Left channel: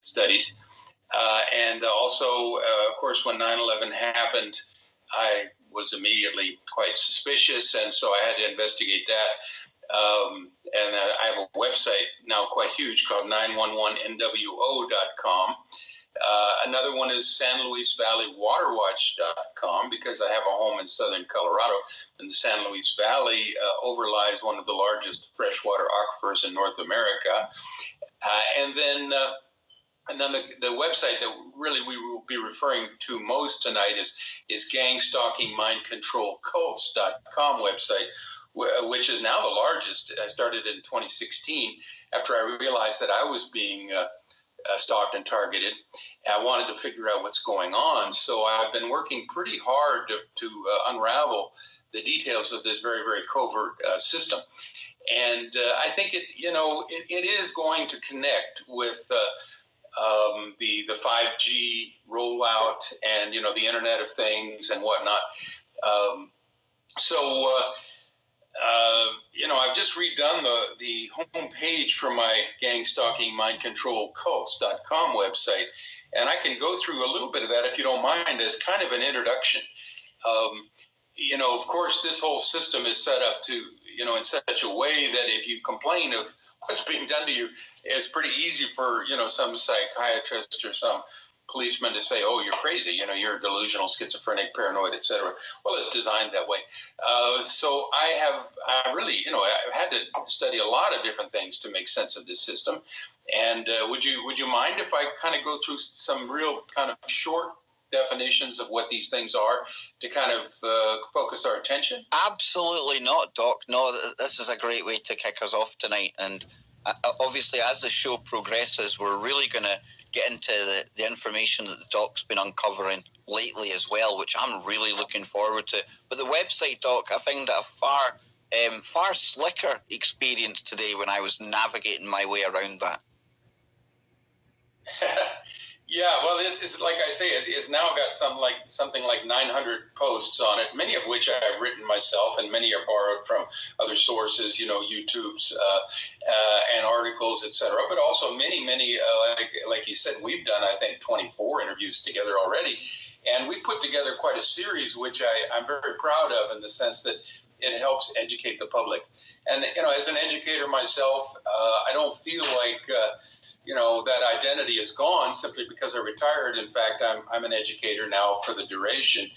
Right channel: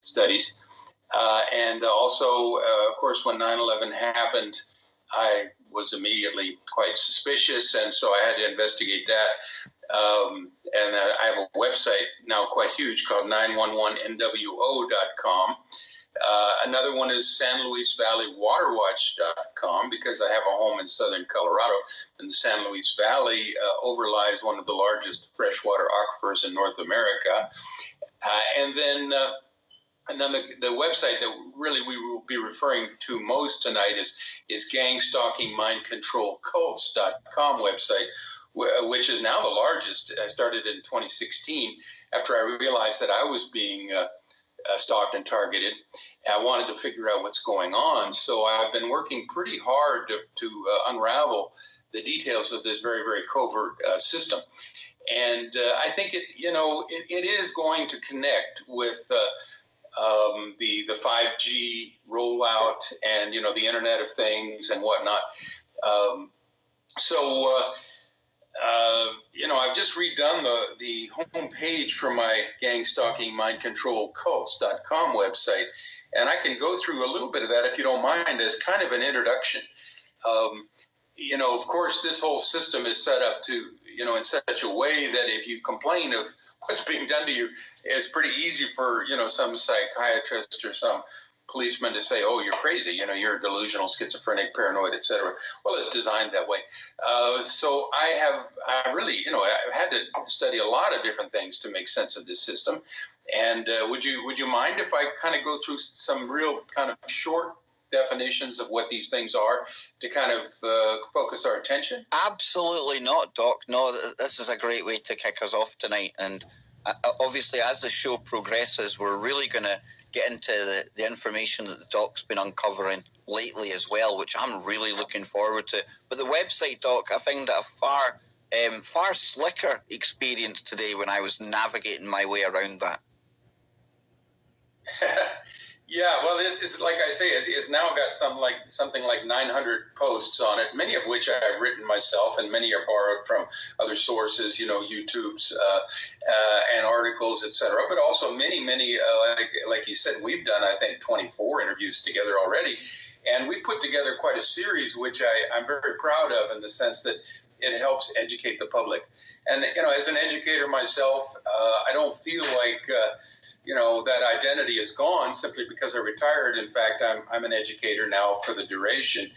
studies. And also, of course, when 9/11 happened, I was immediately quite suspicious, and so I had to investigate that. And I have a website now quite huge called 911nwo.com. Another one is San Luis Valley Waterwatch.com, because I have a home in southern Colorado, and the San Luis Valley overlies one of the largest freshwater aquifers in North America. And then the website that really we will be referring to most tonight is gangstalkingmindcontrolcults.com website, which is now the largest. I started in 2016 after I realized that I was being stalked and targeted. I wanted to figure out what's going on, so I've been working pretty hard to unravel the details of this very, very covert system. And I think it is going to connect with the 5G rollout and the Internet of Things and whatnot. I've just redone the homepage for my gangstalkingmindcontrolcults.com website, and I can go through a little bit of that if you don't mind as kind of an introduction. Of course, this whole system is set up to, in such a way that if you complain of what's being done to you, it's pretty easy for, some psychiatrist or some policeman to say, oh, you're crazy, you're delusional, schizophrenic, paranoid, etc. Well, it's designed that way. So I've had to study a lot of different things to make sense of this system. And would you mind if I kind of go through some real kind of short definitions of what these things are to kind of focus our attention? Absolutely not, Doc. No, this is a great way to kick us off tonight. And obviously, as the show progresses, we're really going to get into the information that the Doc's been uncovering lately as well, which I'm really looking forward to. But the website, Doc, I found it a far slicker experience today when I was navigating my way around that. Yeah, well, this is, like I say, it's now got something like 900 posts on it, many of which I've written myself, and many are borrowed from other sources, YouTube's and articles, etc. But also many, like you said, we've done, I think, 24 interviews together already, and we put together quite a series, which I'm very proud of in the sense that it helps educate the public. And as an educator myself, I don't feel like that identity is gone simply because I retired. In fact, I'm an educator now for the duration.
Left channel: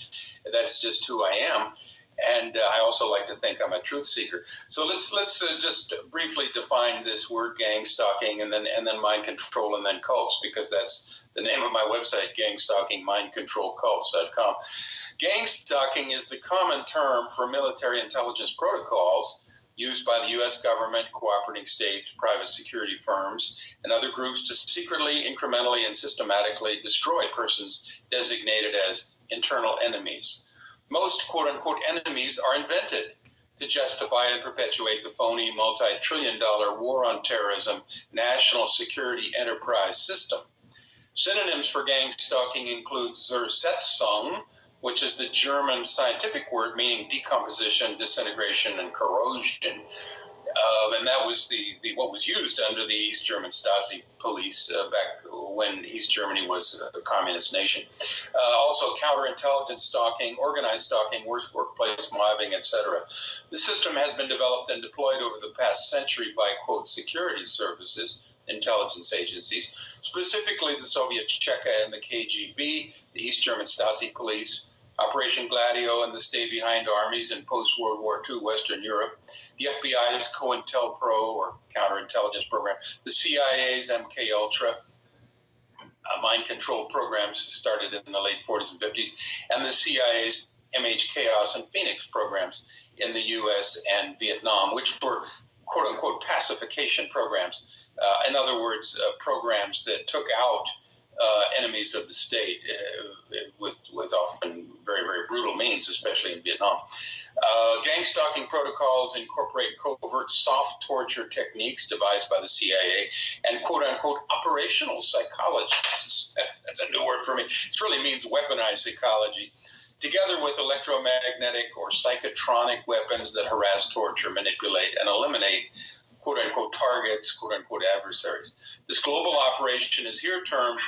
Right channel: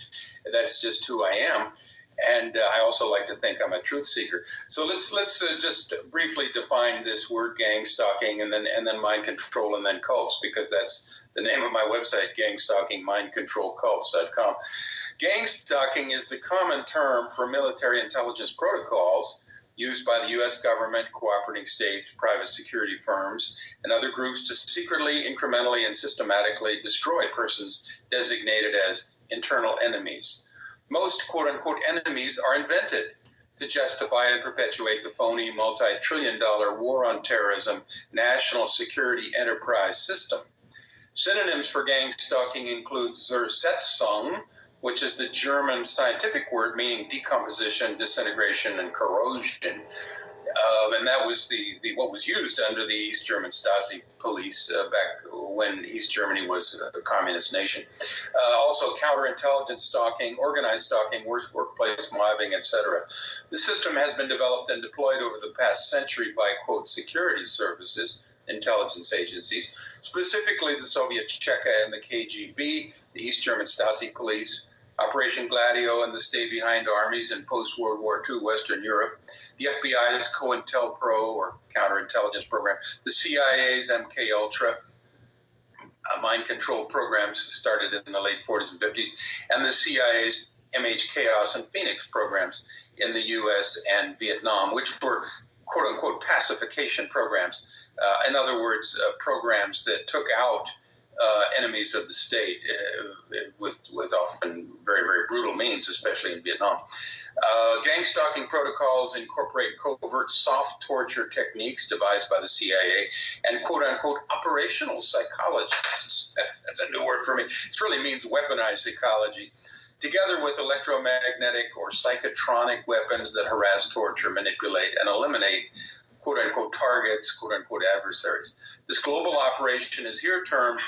That's just who I am. And I also like to think I'm a truth seeker. So let's just briefly define this word gang stalking and then mind control and then cults, because that's the name of my website, gangstalkingmindcontrolcults.com. Gang stalking is the common term for military intelligence protocols used by the U.S. government, cooperating states, private security firms, and other groups to secretly, incrementally, and systematically destroy persons designated as internal enemies. Most quote-unquote enemies are invented to justify and perpetuate the phony multi-trillion-dollar war on terrorism national security enterprise system. Synonyms for gang stalking include Zersetzung, which is the German scientific word meaning decomposition, disintegration, and corrosion. And that was what was used under the East German Stasi police back when East Germany was a communist nation. Also counterintelligence stalking, organized stalking, workplace mobbing, etc. The system has been developed and deployed over the past century by, quote, security services, intelligence agencies, specifically the Soviet Cheka and the KGB, the East German Stasi police, Operation Gladio and the stay-behind armies in post-World War II Western Europe, the FBI's COINTELPRO, or counterintelligence program, the CIA's MK-Ultra, mind control programs started in the late 40s and 50s, and the CIA's MH-Chaos and Phoenix programs in the U.S. and Vietnam, which were quote-unquote pacification programs. In other words, programs that took out enemies of the state with often very, very brutal means, especially in Vietnam. Gang stalking protocols incorporate covert soft torture techniques devised by the CIA and quote-unquote operational psychologists. That's a new word for me. It really means weaponized psychology, together with electromagnetic or psychotronic weapons that harass, torture, manipulate, and eliminate quote-unquote targets, quote-unquote adversaries. This global operation is here termed,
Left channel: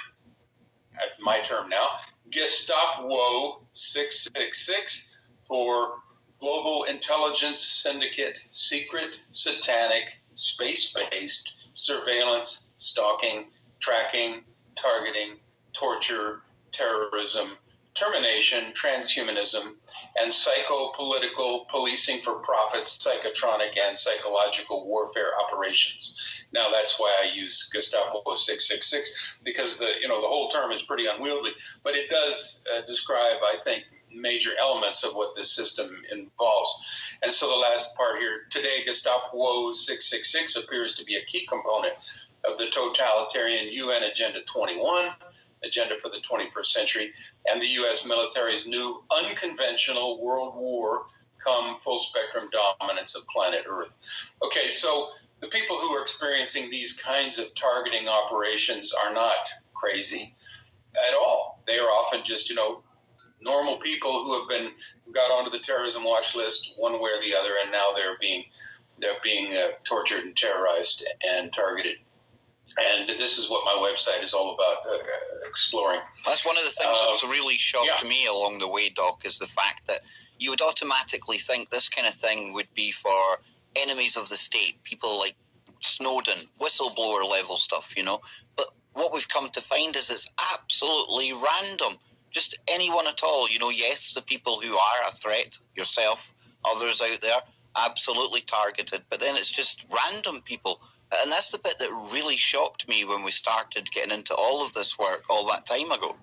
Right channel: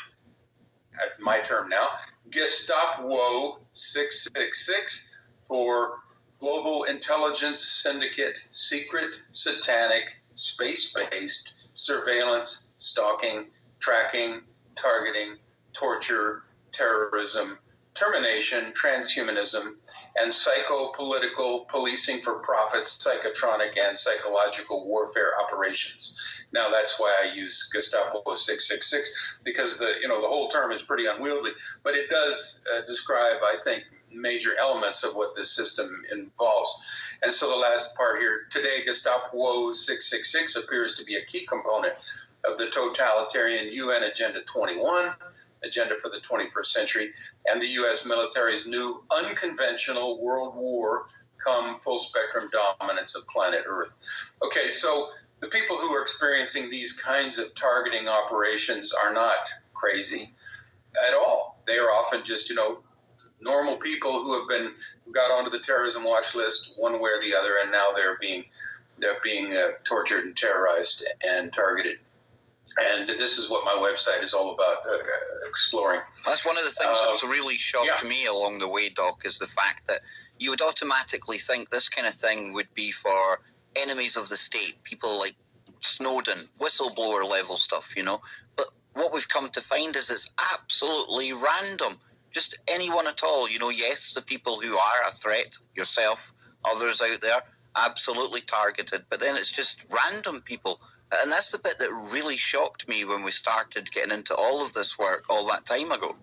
that's my term now, Gestapo 666, for Global Intelligence Syndicate, Secret, Satanic, Space-Based Surveillance, Stalking, Tracking, Targeting, Torture, Terrorism, Termination, Transhumanism, and Psychopolitical Policing for Profit, Psychotronic, and Psychological Warfare Operations. Now, that's why I use Gestapo 666, because the whole term is pretty unwieldy, but it does describe, I think, major elements of what this system involves. And so the last part here, today, Gestapo 666 appears to be a key component of the totalitarian UN Agenda 21, Agenda for the 21st Century, and the U.S. military's new unconventional world war come full-spectrum dominance of planet Earth. Okay, so the people who are experiencing these kinds of targeting operations are not crazy at all. They are often just, normal people who got onto the terrorism watch list one way or the other, and now they're being tortured and terrorized and targeted. And this is what my website is all about, exploring. That's one of the things that's really shocked me along the way, Doc, is the fact that you would automatically think this kind of thing would be for enemies of the state, people like Snowden, whistleblower level stuff, But what we've come to find is it's absolutely random. Just anyone at all, yes, the people who are a threat, yourself, others out there, absolutely targeted. But then it's just random people. And that's the bit that really shocked me when we started getting into all of this work all that time ago.